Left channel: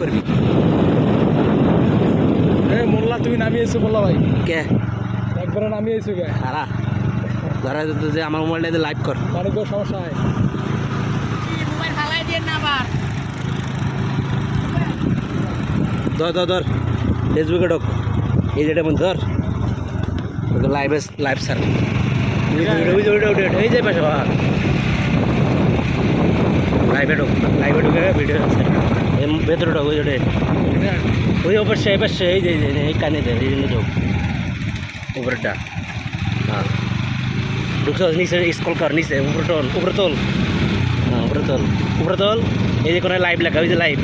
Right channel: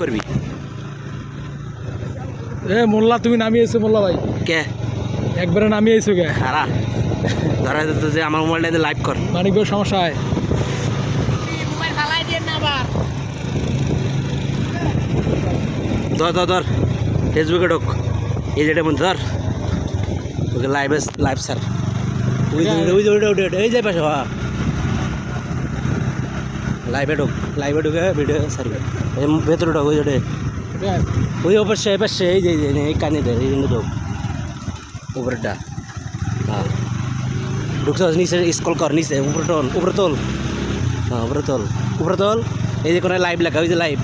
করবি এ মোল্লা তুমি নামিয়েছো মোল্লা ভাই। কে? একবারে নামিয়েছো গে খারা ধরা যেত যে আমার মোবাইলটা লাইভ কর। মানিক সমস্যা হয়? ধর ধর ধর। ফেসবুকে ঢোক। এই যেটা মধ্যে ধর। ওকে লাইভে লাইভ স্যার এই যে পাশে লাইভে ঢোক লাইভে ঢুকে ভিডিও স্যার ভেতরে ঢোক ওই ওটা ওই এপাশে এই যে এই যে, এই কানে এই জন্য ঢোক। উপরেরটা হ্যাঁ। ঢুকছ নিচে স্কল কর নিচে উপরে তোল উপরে তোল। হ্যাঁ উপরে তোল উপরে তোল। এই যে কোনো লাইভ লেখা ওই যে লাইভ।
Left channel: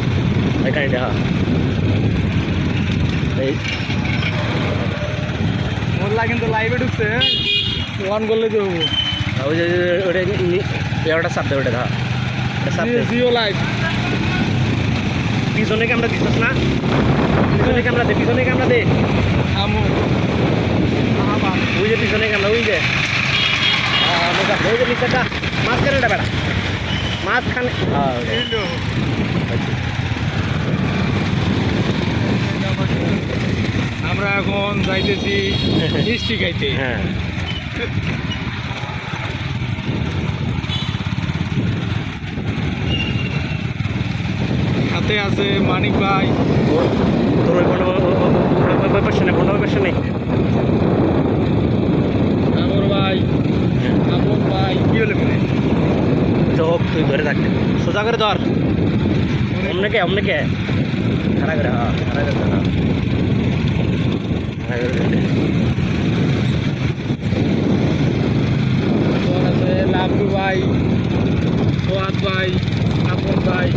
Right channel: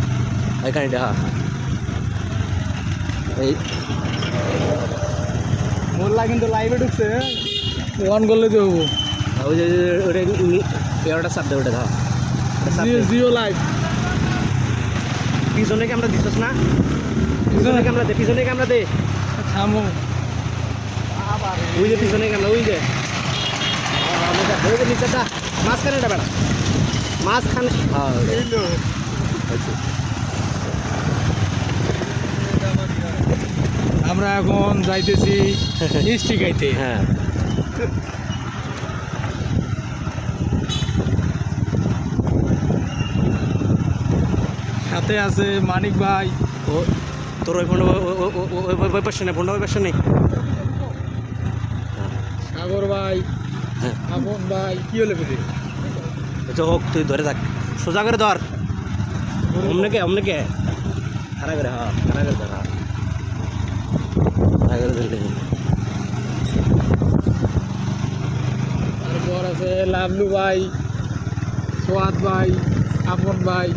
ওই কানেটা হ্যাঁ। এই। মোল্লা কিন্তু লাইভে ঢুকছে ওয়ান করলে দেবো ওই যে ওটা চাপ দেবে ওটা হ্যাঁ। জিও লাইভ। পিছনে ক্যামেরা দিচ্ছিস না? পিছনে ক্যামেরা দে পিছনে ক্যামেরা দে। আমো ওই যে পিছনে ক্যামেরা ওই যে। দে। ওই যে নিচেটা মাঝখানেটা বেড়া। মাঝখানে হ্যাঁ আচ্ছা। আমরা এখন যাইতেছি মিষ্টি খাইতে। হ্যাঁ। সাথে আছে মানিক ভাই। তোর ওই ফোনটা ওই পাশে নেই ফোনটা ওই পাশে নেই সাগর ভাই হ্যাঁ। আপন ভাই কি হলে মানে হোক তুই ধরে থাক। সোজা করে ধর। অমনে কে অমনে কে? খারা করে হ্যাঁ খারা করে হ্যাঁ। খারা করে ধরে তোর আছে লাভলু ভাই সোয়াদ ভাই আপন ভাই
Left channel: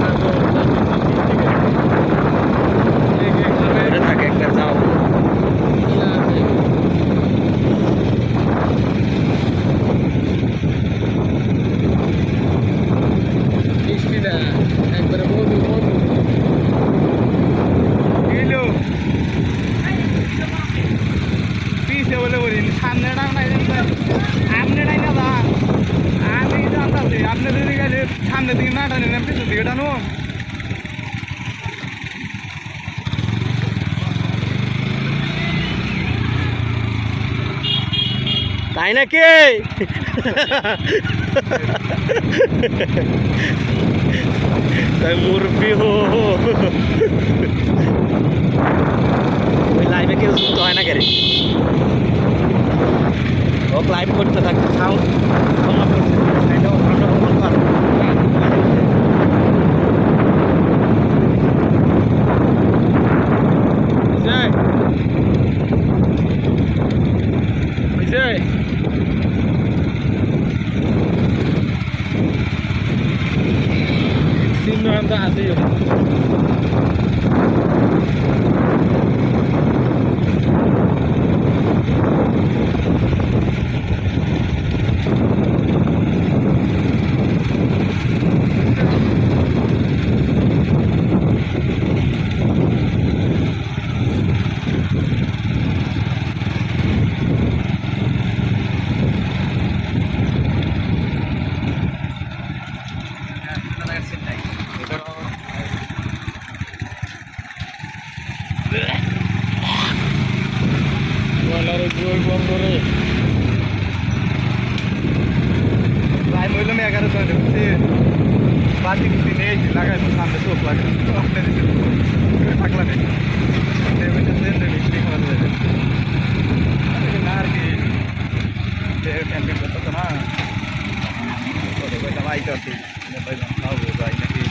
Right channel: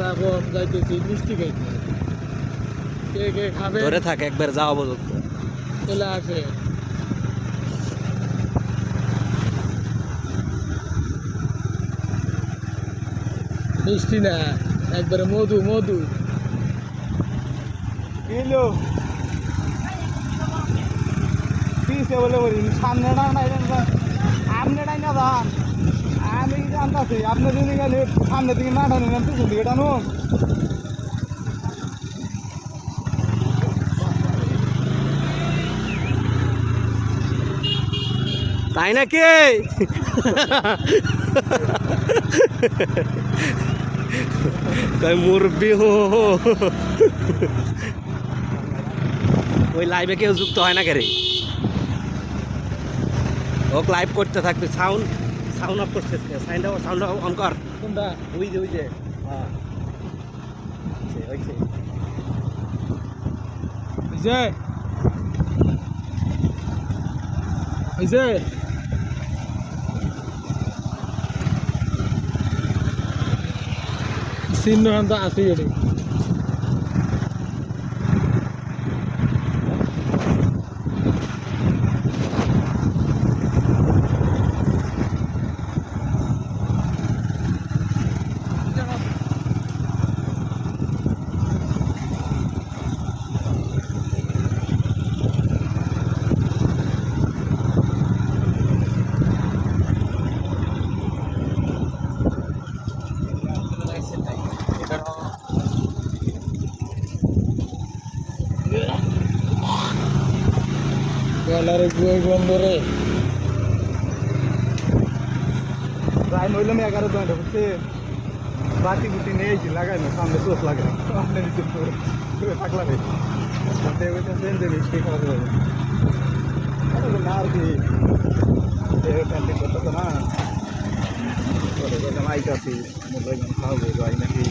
তারপর যাইতেছি মিষ্টি খাইতে এই যে খাবে, ধরে থাক একবার যাও বলে। মিষ্টি না একবারে মধু মধু। এলো। পিছে বলে বলি সামনেটা নাই আপনিটাই না দা। আমি জানতাছি আপনি যদি গেলে সামনে দিকে না টানি না পিছন দিকে টানো তাই নাকি তাই মুরব্বি হো ওই লাইভে কেউ যুক্ত হয় না কেরে ও লাইভ করতে থাকবে সাউন্ড সাউন্ড অফ করতে সাউন্ড সাউন্ড অফ কর Ise. Ise. Xin em ta Galaরে জয় বন্ধরে। টাইম হইল না এগারো জনে বুঝছি? বাতি বুতি নিয়ে এসি লাগাইলো সামনে চোখ লাগাই থাকলা নেই। বলতেছেন যে মিষ্টি খাওয়া যাবে না আর কি। ক্যান্টিন করতেছে না। আই করছি খাওয়াবো যাই নাকি।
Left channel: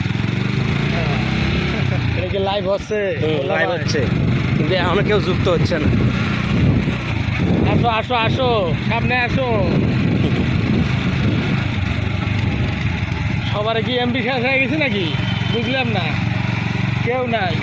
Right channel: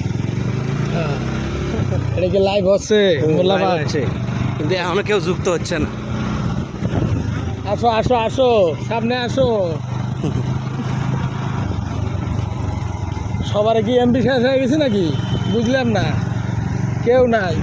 এটা কি লাইভ হচ্ছে? লাইভ। হচ্ছে। কিন্তু এখনও কেউ যুক্ত হচ্ছে না। আসো আসো আসো, সামনে আসো। সবার কি শেষ হয়ে গেছে নাকি? বুঝলাম না। কেউ নাই।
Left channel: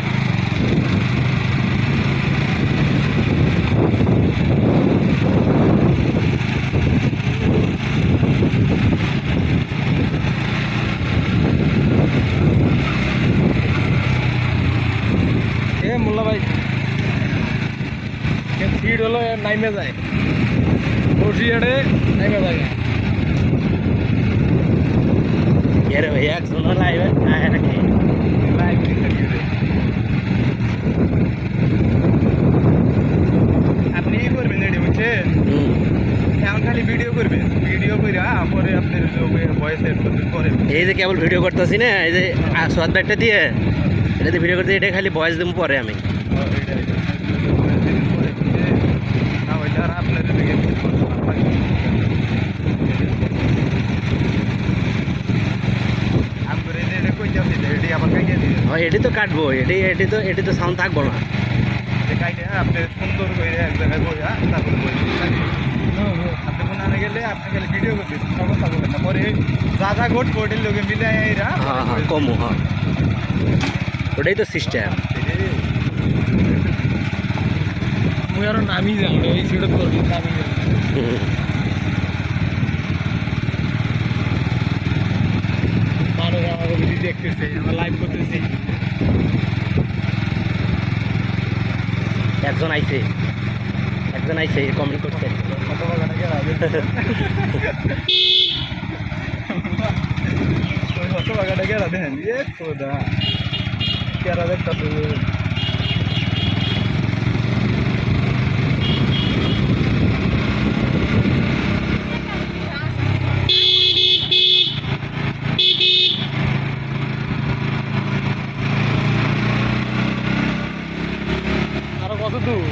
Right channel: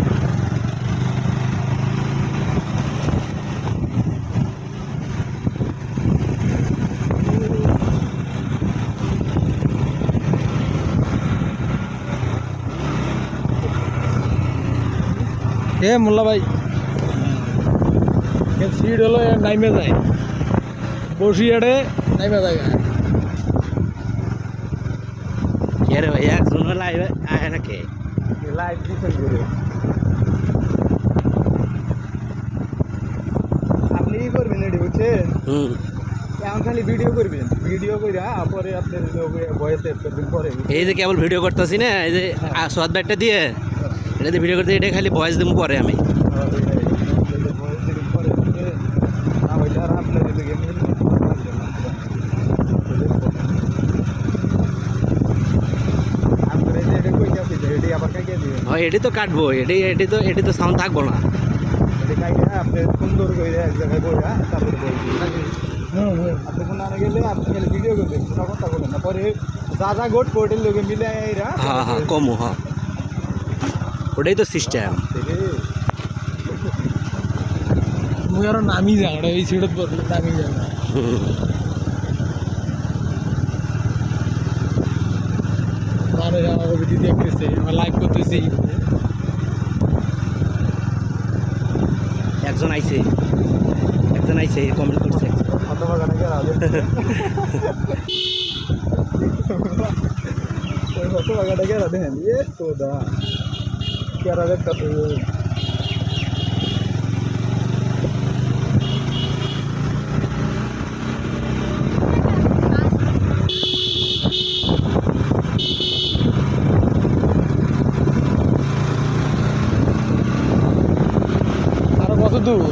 এ, মোল্লা ভাই। সিট হলো নাইমে যায়। বসিয়াড়ে নাইমে যায়। এর ভাইয়া একজন লাইভে আয় নাকি? লাইভ রে। আপনি ই করবেন এডি বুঝছেন? হুম। এখন খালি ভিডিও করবেন। ভিডিও করে পরে আপনার ভয়েস এড করবেন পরে। এই যে কেবল ভিডিও করতেছি না এই যে সোয়াদ ব্যাগটা দিয়ে এটাতে ভিডিও করতে এটা খালি ভয়েস দেবো পরে আমি পরে না ওইটা আর আপনাদের দিকে আমরা এটা কই যাচ্ছি এটি আবার কাইয়ে দিয়ে হয় এটি তো কাটবো এটি এটি তো এটি তো সাউন্ড থাকব না। কাইয়ে আপনি সুন্দর করে এক জায়গায় বইয়া তারপরে হুম হুম। আপনি কোনো আনে গেলে আপনি খালি ভিডিও করবেন কোনো কথা বলেন না। পরে যা যা ঘট কোর্টের লোকে মিলে এরা। হ্যাঁ হ্যাঁ কমো হ্যাঁ। ওটাই তো সিস্টেম নামি যাও ওই সিটত করবি নামি যাও আমার আমরা দেখতেছে লাইভ করতেছি। একজন আইছে। একজন আইছে কমেন্ট করছে কত গেলাম দেখেন এ তো দা কেরা দেখতে আরও কত দূর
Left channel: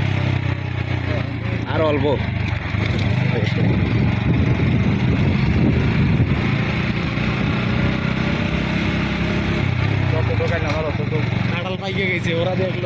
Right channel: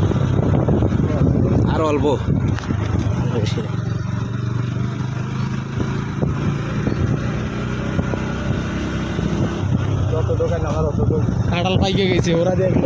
তো কাঁঠাল পাইকে গেছে ওরা দেখল।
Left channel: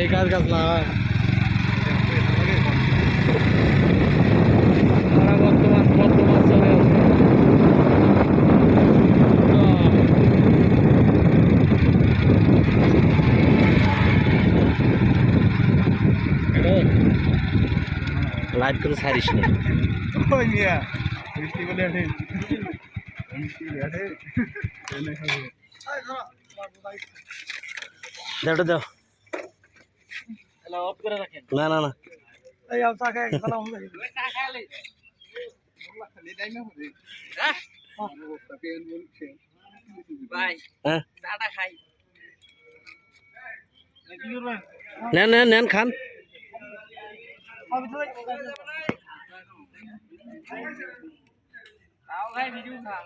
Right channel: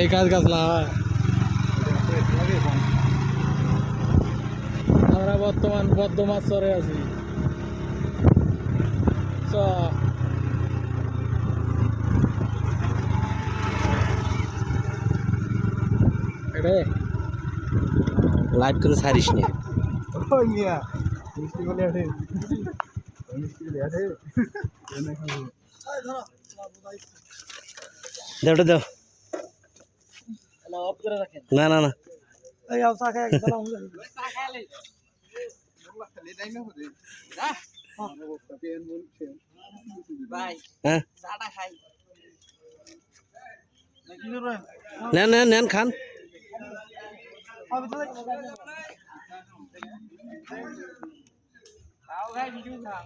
এই গাছ গাছ লাগায় আমরা বর্তমান বর্তমান চলে আছি আচ্ছা, এটা ছাড়িস না? ওই মিয়া মিষ্টি বলে আঠে মিষ্টি বলে আঠে দাও ওটা দাও হ্যালো অফ করে রাখেন না না না এই আও চা খায় একদম হ্যাঁ নেন নেন নেন খান খাও ভাই ভিডিও খাও